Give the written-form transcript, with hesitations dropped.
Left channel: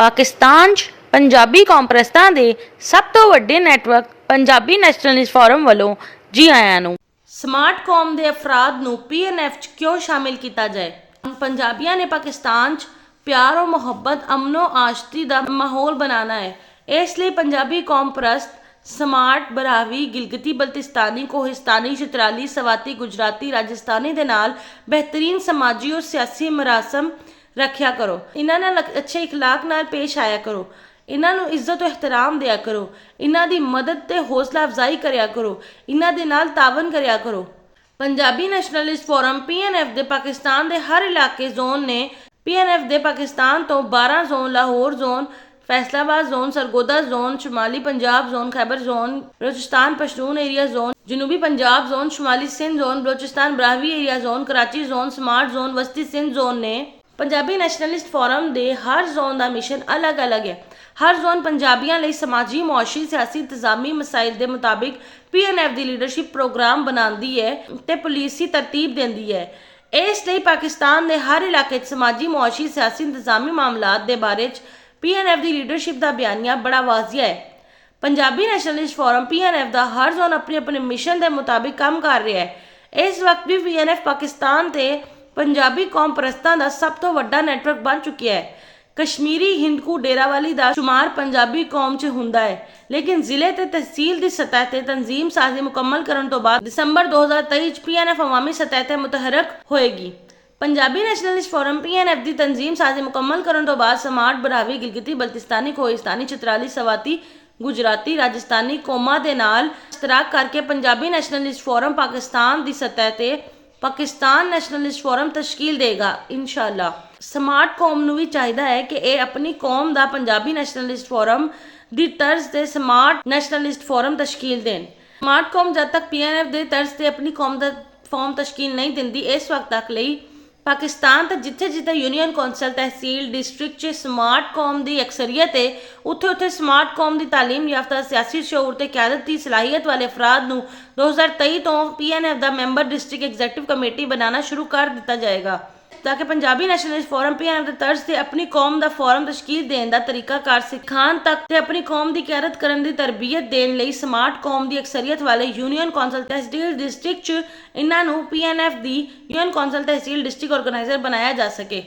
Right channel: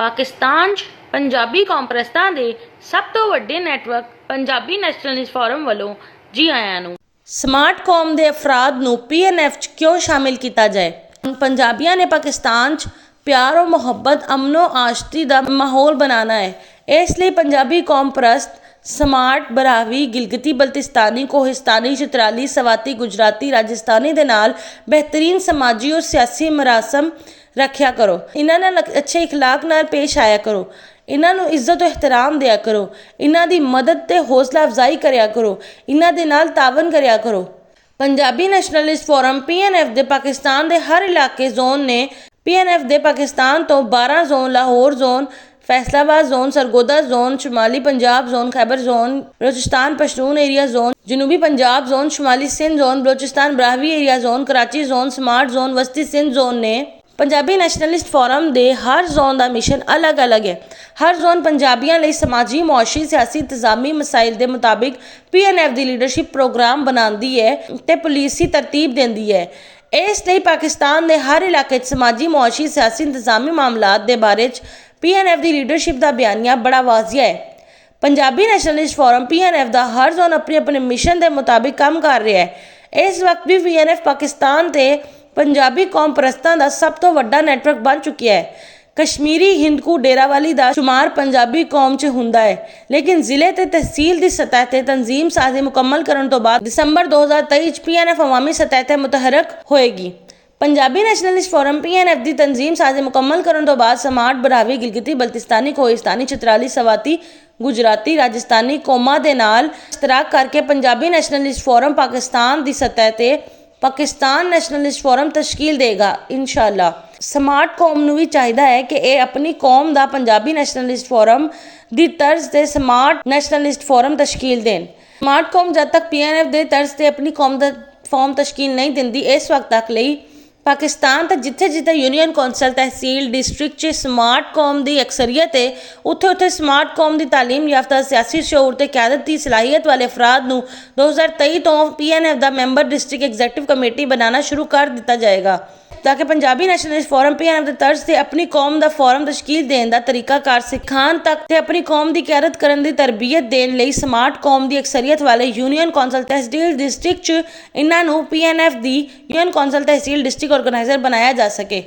ਪਾਕਿਸਤਾਨ 'ਚ ਪੰਜਾਬੀ ਕੌਮਪ੍ਰਸਤਾਂ ਦੇ ਸਭ ਤੋਂ ਵੱਡੇ ਨੈਟਵਰਕ ਪੰਜਾਬੀ ਨੈਸ਼ਨਲਿਸਟ ਫੋਰਮ ਵੱਲੋਂ ਜੀ ਆਇਆਂ ਨੂੰ। ਸਮਾਰਟ ਕੌਮ ਦੇ ਅਫਰਾਦ ਨੂੰ PNF 'ਚ ਕਿਉਂ ਸ਼ਾਮਿਲ ਕੀਤਾ ਜਾਏ? ਪੰਜਾਬੀਆਂ ਨੇ ਪਾਕਿਸਤਾਨ 'ਚ ਪਿਆਰ और ਮੁਹੱਬਤ ਅਮਨੋ ਆਸ਼ਤੀ ਦਾ ਮਾਹੌਲ ਬਣਾਉਣਾ ਹੈ। ਇਸ ਲਈ ਪੰਜਾਬੀ ਕੌਮਪ੍ਰਸਤ ਸਮਾਰਟ ਬਰਾਵੀ ਗਿਲਗਿਤੀ ਬਲਤਿਸਤਾਨੀ ਕੋਹਿਸਤਾਨੀ ਚਤਰਾਲੀ ਸਵਾਤੀ ਗੁਜਰਾਤੀ ਰਾਜਸਥਾਨੀ ਦੇ ਨਾਲ ਬਿਹਤਰੀਨ ਸਮਾਜੀ और ਸਿਆਸੀ ਮਰਾਸਮ ਰੱਖਿਆ ਕਰੋ। ਇਹਨਾਂ ਨਾਲ ਅੱਛੇ ਇਖਲਾਕ ਨਾਲ ਪੇਸ਼ ਆਇਆ ਕਰੋ। ਇਹਨਾਂ ਨੂੰ ਇੱਜ਼ਤ ਇਹਤਰਾਮ ਦਿਆ ਕਰੋ। ਇਹਨਾਂ ਦੀ ਮਦਦ ਤੇ ਹੌਸਲਾ ਅਫਜ਼ਾਈ ਕਰਿਆ ਕਰੋ। ਇਹਨਾਂ ਦੇ ਨਾਲ ਤਾਵਨ ਕਰਿਆ ਕਰੋ। ਪੰਜਾਬੀ ਨੈਸ਼ਨਲਿਸਟ ਫੋਰਮ PNF ਦੇ ਪਾਕਿਸਤਾਨ ਦੇ ਹਰ ਇਲਾਕੇ ਜ਼ੋਨ ਨੇ PNF ਦੇ ਪਾਕਿਸਤਾਨ ਤੋਂ 12 zone Lahore zone Faisalabad zone Sargodha zone शुमाली Punjab zone Khyber zone Balochistan Pashtun area zone जनूबी पंजाब जोन शुमाली Sindh zone Balochistan Brahvi area zone Karachi zone smart zone वस्ती सिंध जोन ने पंजाबी नैशनलिस्ट फोरम दे हर जोन का मिशन अलग अलग है। हर जोन पंजाबियों लिए समाजी मुआशी सियासी इंतजामी मसाइल के मुताबिक PNF की लीडरशिप प्रोग्राम बनाती है तो पुलिसी तरतीब देती है। इसलिए पाकिस्तान के हर इलाके समाजी मुआशी सियासी इंतजामी मामलात के बारे PNF की लीडरशिप का बयानिया बड़ा वाजिया है। पंजाबी नैशनलिस्ट फोरम PNF का हर जोन अपने अपने मिशन के मुताबिक काम कर रहा है। इस वक्त भी PNF पाकिस्तान के पंजाबी कौम परस्तां का सब तो वड्डा नैटवर्क बन चुका है। कश्मीरी हिंदकू डेरावाली का शुमार पंजाबी कौम च हुंदा है, लेकिन जिले ते तहसील की सतह ते तंजीम साजी मुकम्मल करने तो बाद दिसंबर 2023 PNF अवामी सतह ते मुतहरक होएगी। पंजाबी नैशनलिस्ट फोरम PNF की तंजीम साजी मुकम्मल करने तो बाद समार्ट बरावी गिलगिती बल्तिस्तानी कोहिस्तानी चतराली सवाती गुजराती राजस्थानी कौमां दे नाल इश्तराक करके पंजाबी नैशनलिस्ट फोरम पाकिस्तान की सतह ते पाकिस्तान नैशनलिस्ट फोरम तश्कील देगा इंशाअल्लाह। समार्ट कौम नूं भी चाहिदा है कि ये अपनी कौम का पंजाबी नैशनलिस्ट फोरम की तर्ज से स्मार्ट नैशनलिस्ट फोरम तश्कील देन। स्मार्ट कौम जब तक PNF के तर्ज से अपनी कौम का फॉर्म तश्कील नहीं दिंदी, इस वक्त तक ਲਈ पाकिस्तान तक जिथे जिथे यूनियन कौंसल तहसील डिस्ट्रिक्ट स्मार्ट कौम की अक्सरीत है, उत्थे उत्थे स्मार्ट कौम की तालीम याफ्ता सियासी शऊर ते क्यादत की सलाहियत वाले अफराद नूं 2023 तो PNF का मैंबर डिस्ट्रिक्ट एग्जैक्टिव कमेटी बनाना शुरू कर दिता जाएगा, ताकि पंजाबी नैशनलिस्ट फोरम PNF के तर्ज से अपनी कौम का फोरम तश्कील देने का तरीकाकार सिखाण तक ते अपनी कौम की क्यादत करने की तरबियत देने लई स्मार्ट कौम की अक्सरीत वाले यूनियन कौंसल तहसील डिस्ट्रिक्ट इन्हां नूं PNF की यूनियन कौंसल तहसील डिस्ट्रिक्ट ऑर्गेनाइजर बनाया जा सके।